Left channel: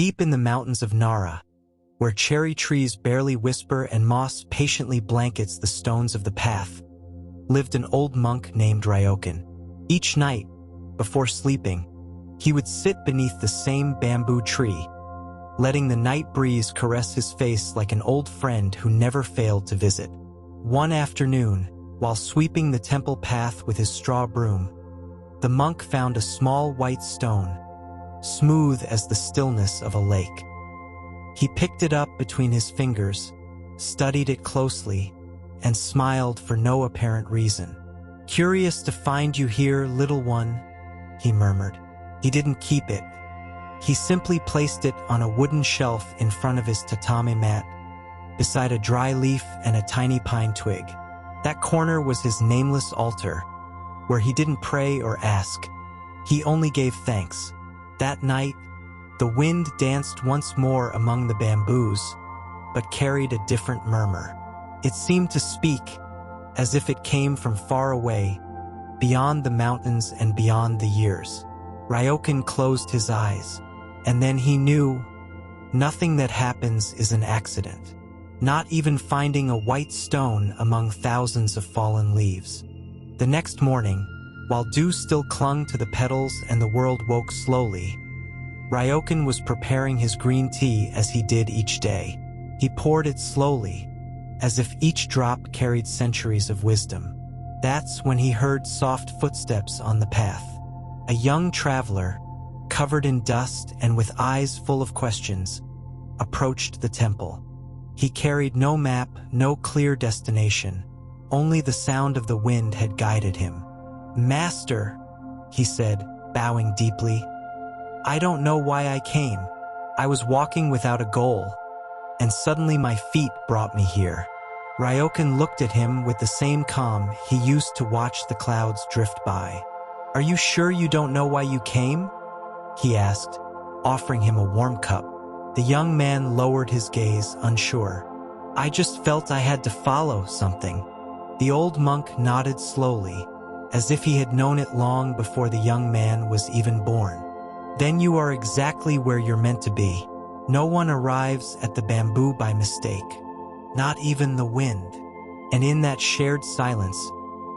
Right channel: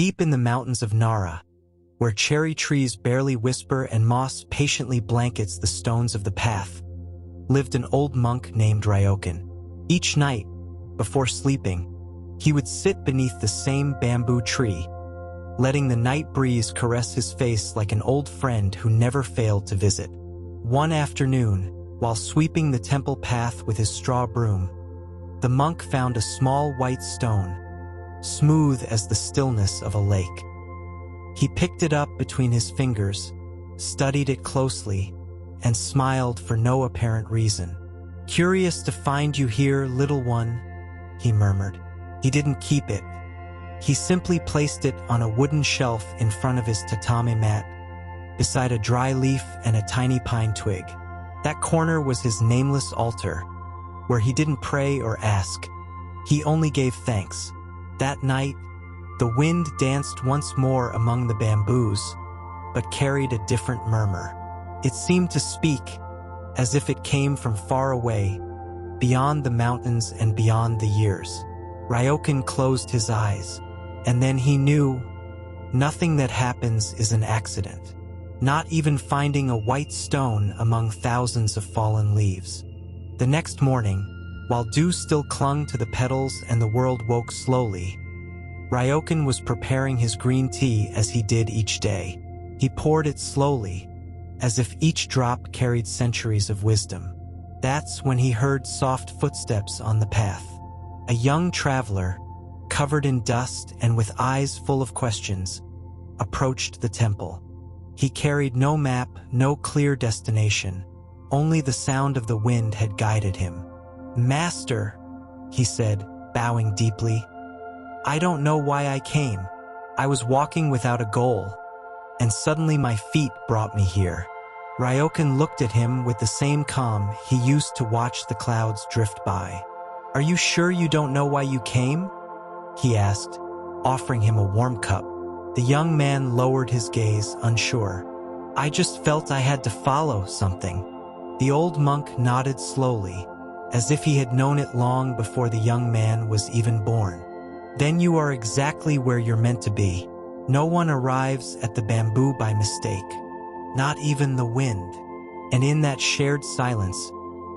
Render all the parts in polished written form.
Deep in the mountains of Nara, where cherry trees barely whisper and moss patiently blankets the stones of the path, lived an old monk named Ryōkan. Each night, before sleeping, he would sit beneath the same bamboo tree, letting the night breeze caress his face like an old friend who never failed to visit. One afternoon, while sweeping the temple path with his straw broom, the monk found a small white stone, smooth as the stillness of a lake. He picked it up between his fingers, studied it closely, and smiled for no apparent reason. "Curious to find you here, little one," he murmured. He didn't keep it. He simply placed it on a wooden shelf in front of his tatami mat, beside a dry leaf and a tiny pine twig. That corner was his nameless altar, where he didn't pray or ask. He only gave thanks. That night, the wind danced once more among the bamboos, but carried a different murmur. It seemed to speak, as if it came from far away, beyond the mountains and beyond the years. Ryōkan closed his eyes, and then he knew, nothing that happens is an accident. Not even finding a white stone among thousands of fallen leaves. The next morning, while dew still clung to the petals and the world woke slowly, Ryōkan was preparing his green tea as he did each day. He poured it slowly, as if each drop carried centuries of wisdom. That's when he heard soft footsteps on the path. A young traveler, covered in dust and with eyes full of questions, approached the temple. He carried no map, no clear destination. Only the sound of the wind had guided him. "Master," he said, bowing deeply, "I don't know why I came. I was walking without a goal, and suddenly my feet brought me here." Ryōkan looked at him with the same calm he used to watch the clouds drift by. "Are you sure you don't know why you came?" he asked, offering him a warm cup. The young man lowered his gaze, unsure. "I just felt I had to follow something." The old monk nodded slowly, as if he had known it long before the young man was even born. "Then you are exactly where you're meant to be. No one arrives at the bamboo by mistake, not even the wind." And in that shared silence,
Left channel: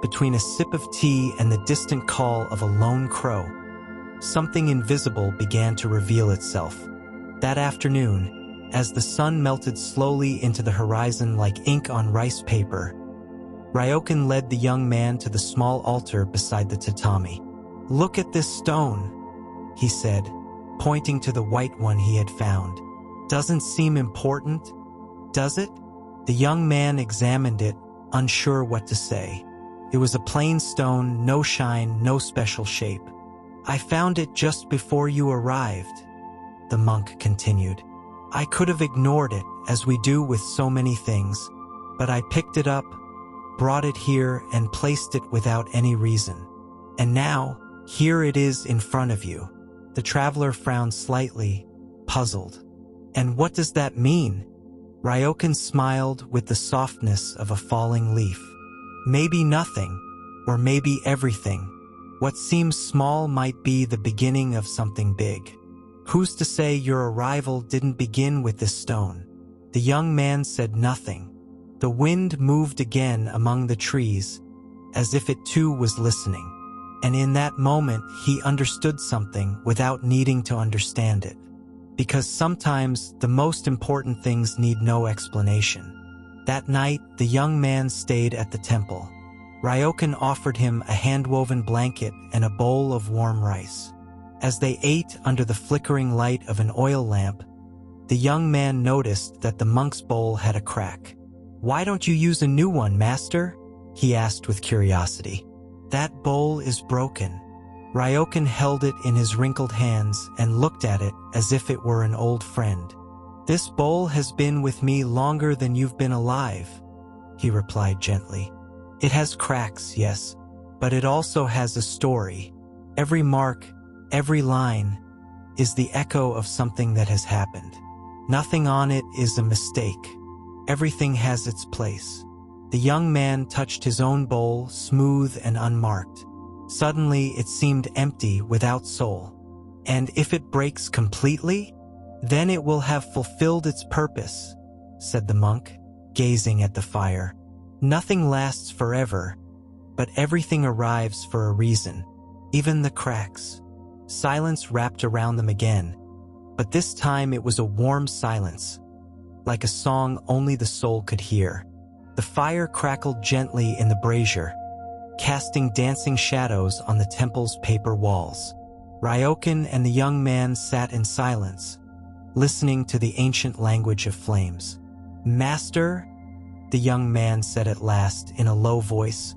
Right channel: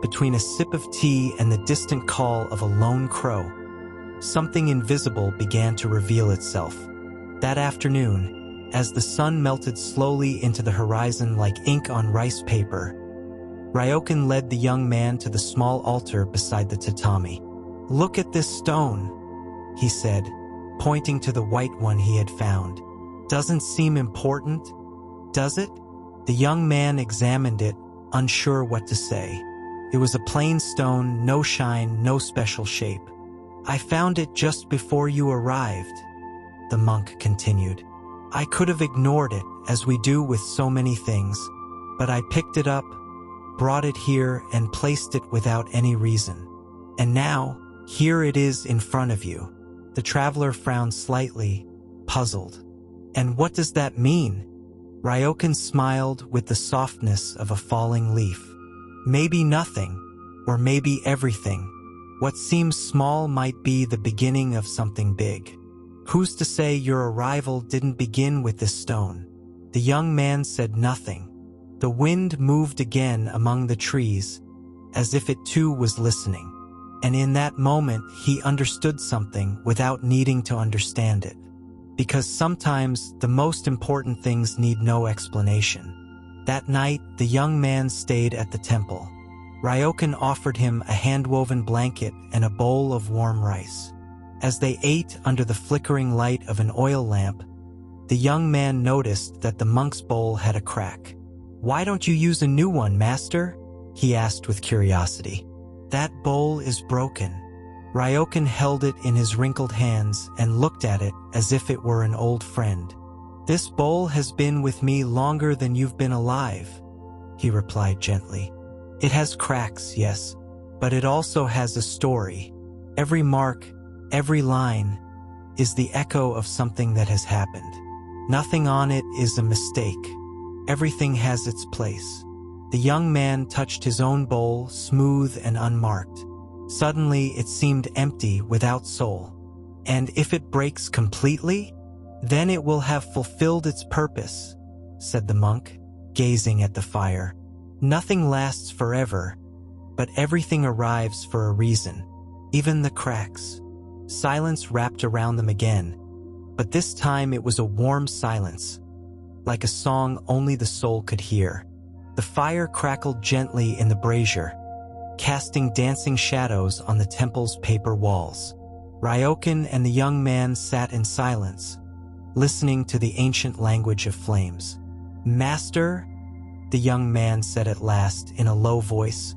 between a sip of tea and the distant call of a lone crow, something invisible began to reveal itself. That afternoon, as the sun melted slowly into the horizon like ink on rice paper, Ryōkan led the young man to the small altar beside the tatami. "Look at this stone," he said, pointing to the white one he had found. "Doesn't seem important, does it?" The young man examined it, unsure what to say. It was a plain stone, no shine, no special shape. "I found it just before you arrived," the monk continued. "I could have ignored it, as we do with so many things, but I picked it up, brought it here, and placed it without any reason. And now, here it is in front of you." The traveler frowned slightly, puzzled. "And what does that mean?" Ryōkan smiled with the softness of a falling leaf. "Maybe nothing, or maybe everything. What seems small might be the beginning of something big. Who's to say your arrival didn't begin with this stone?" The young man said nothing. The wind moved again among the trees, as if it too was listening. And in that moment, he understood something without needing to understand it. Because sometimes the most important things need no explanation. That night, the young man stayed at the temple. Ryōkan offered him a hand-woven blanket and a bowl of warm rice. As they ate under the flickering light of an oil lamp, the young man noticed that the monk's bowl had a crack. "Why don't you use a new one, master?" he asked with curiosity. "That bowl is broken." Ryōkan held it in his wrinkled hands and looked at it as if it were an old friend. "This bowl has been with me longer than you've been alive," he replied gently. "It has cracks, yes, but it also has a story. Every mark, every line, is the echo of something that has happened. Nothing on it is a mistake. Everything has its place." The young man touched his own bowl, smooth and unmarked. Suddenly, it seemed empty, without soul. "And if it breaks completely?" Then it will have fulfilled its purpose, said the monk, gazing at the fire. Nothing lasts forever, but everything arrives for a reason, even the cracks. Silence wrapped around them again, but this time it was a warm silence, like a song only the soul could hear. The fire crackled gently in the brazier, casting dancing shadows on the temple's paper walls. Ryōkan and the young man sat in silence, listening to the ancient language of flames. "Master," the young man said at last in a low voice,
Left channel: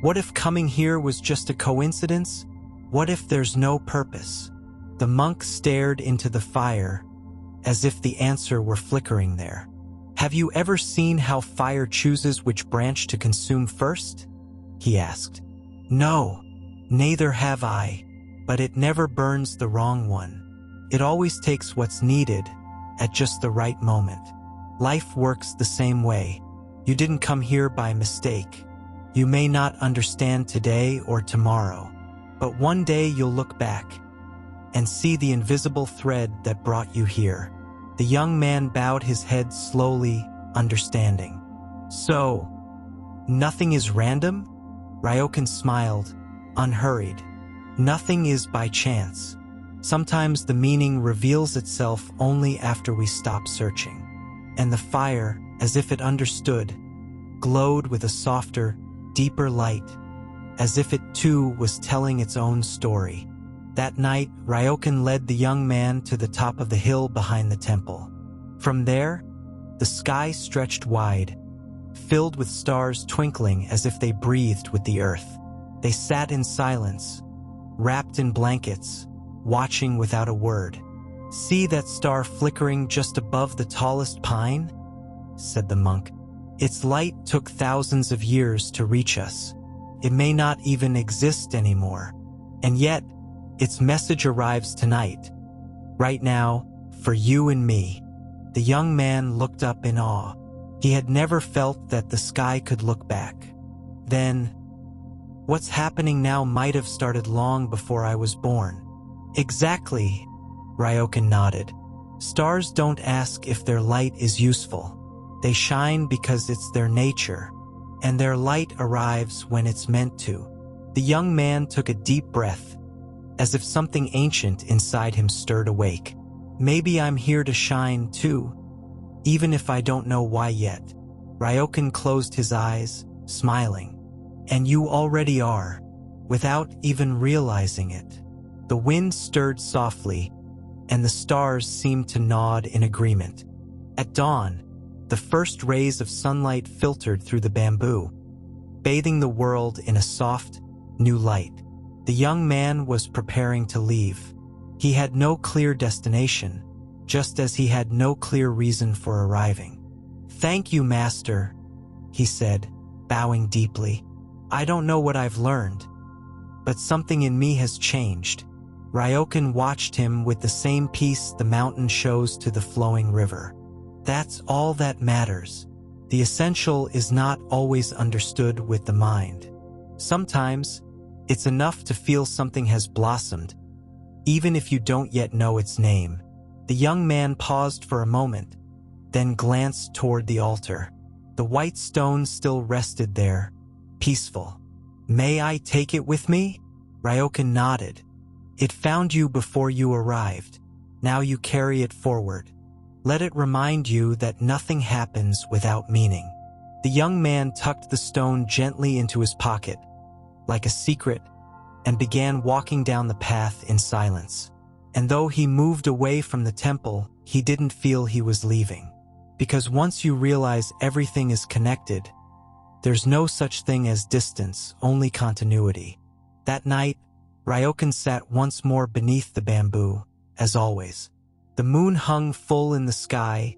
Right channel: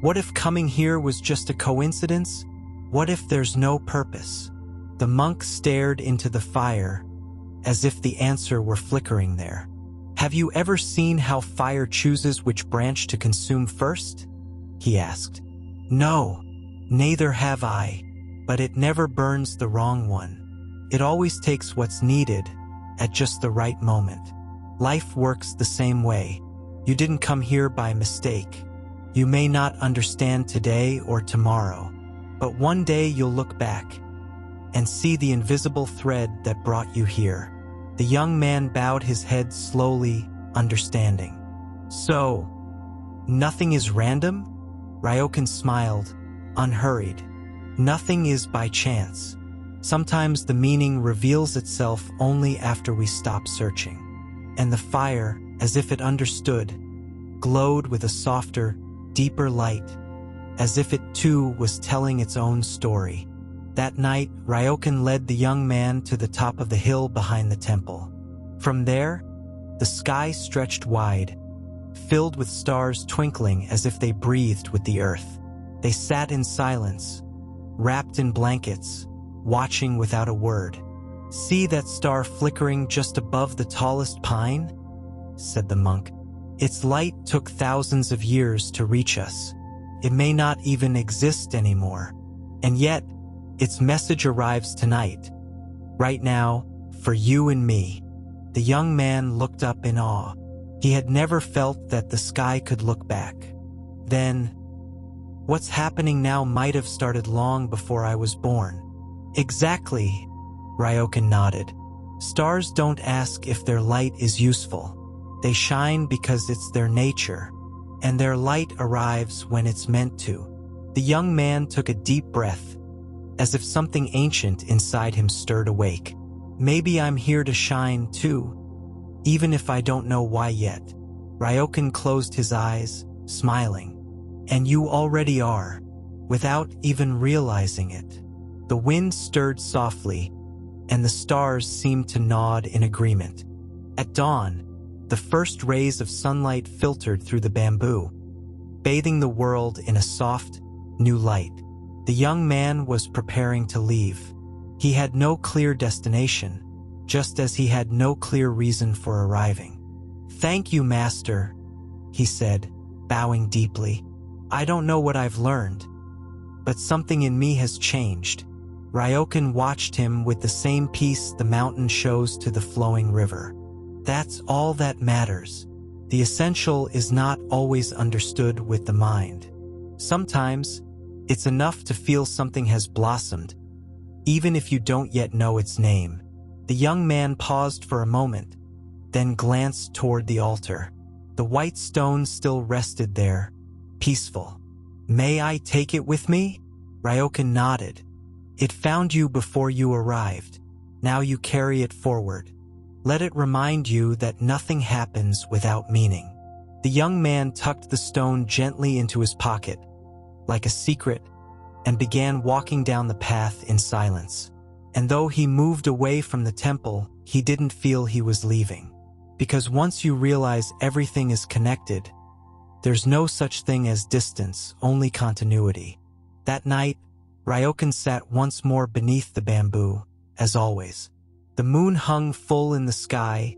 "what if coming here was just a coincidence? What if there's no purpose?" The monk stared into the fire, as if the answer were flickering there. "Have you ever seen how fire chooses which branch to consume first?" he asked. "No, neither have I, but it never burns the wrong one. It always takes what's needed at just the right moment. Life works the same way. You didn't come here by mistake. You may not understand today or tomorrow, but one day you'll look back and see the invisible thread that brought you here." The young man bowed his head slowly, understanding. "So, nothing is random?" Ryōkan smiled, unhurried. "Nothing is by chance. Sometimes the meaning reveals itself only after we stop searching." And the fire, as if it understood, glowed with a softer, deeper light, as if it too was telling its own story. That night, Ryōkan led the young man to the top of the hill behind the temple. From there, the sky stretched wide, filled with stars twinkling as if they breathed with the earth. They sat in silence, wrapped in blankets, watching without a word. "See that star flickering just above the tallest pine?" said the monk. "Its light took thousands of years to reach us. It may not even exist anymore. And yet, its message arrives tonight, right now, for you and me." The young man looked up in awe. He had never felt that the sky could look back. Then, "What's happening now might have started long before I was born." "Exactly," Ryōkan nodded. "Stars don't ask if their light is useful. They shine because it's their nature, and their light arrives when it's meant to." The young man took a deep breath, as if something ancient inside him stirred awake. "Maybe I'm here to shine too, even if I don't know why yet." Ryōkan closed his eyes, smiling. "And you already are, without even realizing it." The wind stirred softly, and the stars seemed to nod in agreement. At dawn, the first rays of sunlight filtered through the bamboo, bathing the world in a soft, new light. The young man was preparing to leave. He had no clear destination, just as he had no clear reason for arriving. "Thank you, Master," he said, bowing deeply. "I don't know what I've learned, but something in me has changed." Ryōkan watched him with the same peace the mountain shows to the flowing river. That's all that matters. The essential is not always understood with the mind. Sometimes, it's enough to feel something has blossomed, even if you don't yet know its name. The young man paused for a moment, then glanced toward the altar. The white stone still rested there, peaceful. "May I take it with me?" Ryōkan nodded. "It found you before you arrived. Now you carry it forward. Let it remind you that nothing happens without meaning." The young man tucked the stone gently into his pocket, like a secret, and began walking down the path in silence. And though he moved away from the temple, he didn't feel he was leaving. Because once you realize everything is connected, there's no such thing as distance, only continuity. That night, Ryōkan sat once more beneath the bamboo, as always. The moon hung full in the sky,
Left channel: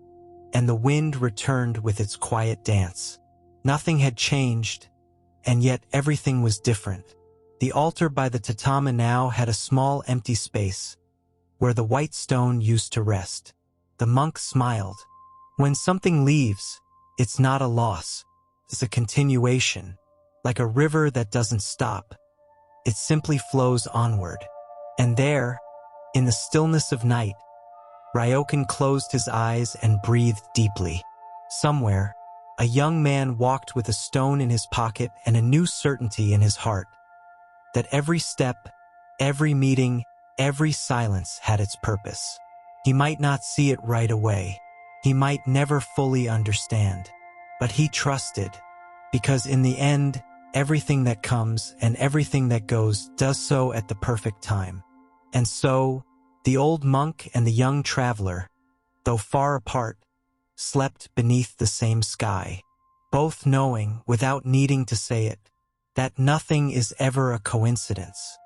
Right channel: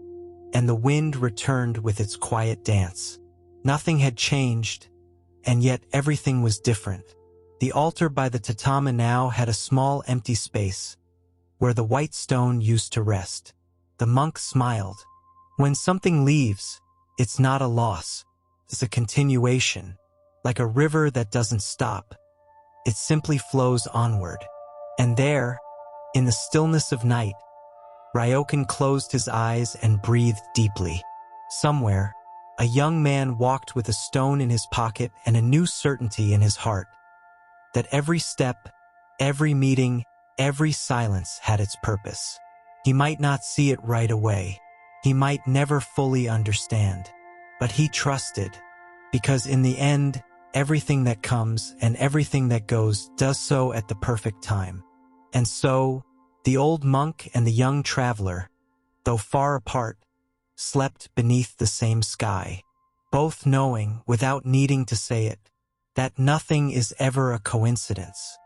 and the wind returned with its quiet dance. Nothing had changed, and yet everything was different. The altar by the tatami now had a small empty space, where the white stone used to rest. The monk smiled. When something leaves, it's not a loss. It's a continuation, like a river that doesn't stop. It simply flows onward. And there, in the stillness of night, Ryōkan closed his eyes and breathed deeply. Somewhere, a young man walked with a stone in his pocket and a new certainty in his heart, that every step, every meeting, every silence had its purpose. He might not see it right away. He might never fully understand. But he trusted, because in the end, everything that comes and everything that goes does so at the perfect time. And so, the old monk and the young traveler, though far apart, slept beneath the same sky, both knowing, without needing to say it, that nothing is ever a coincidence.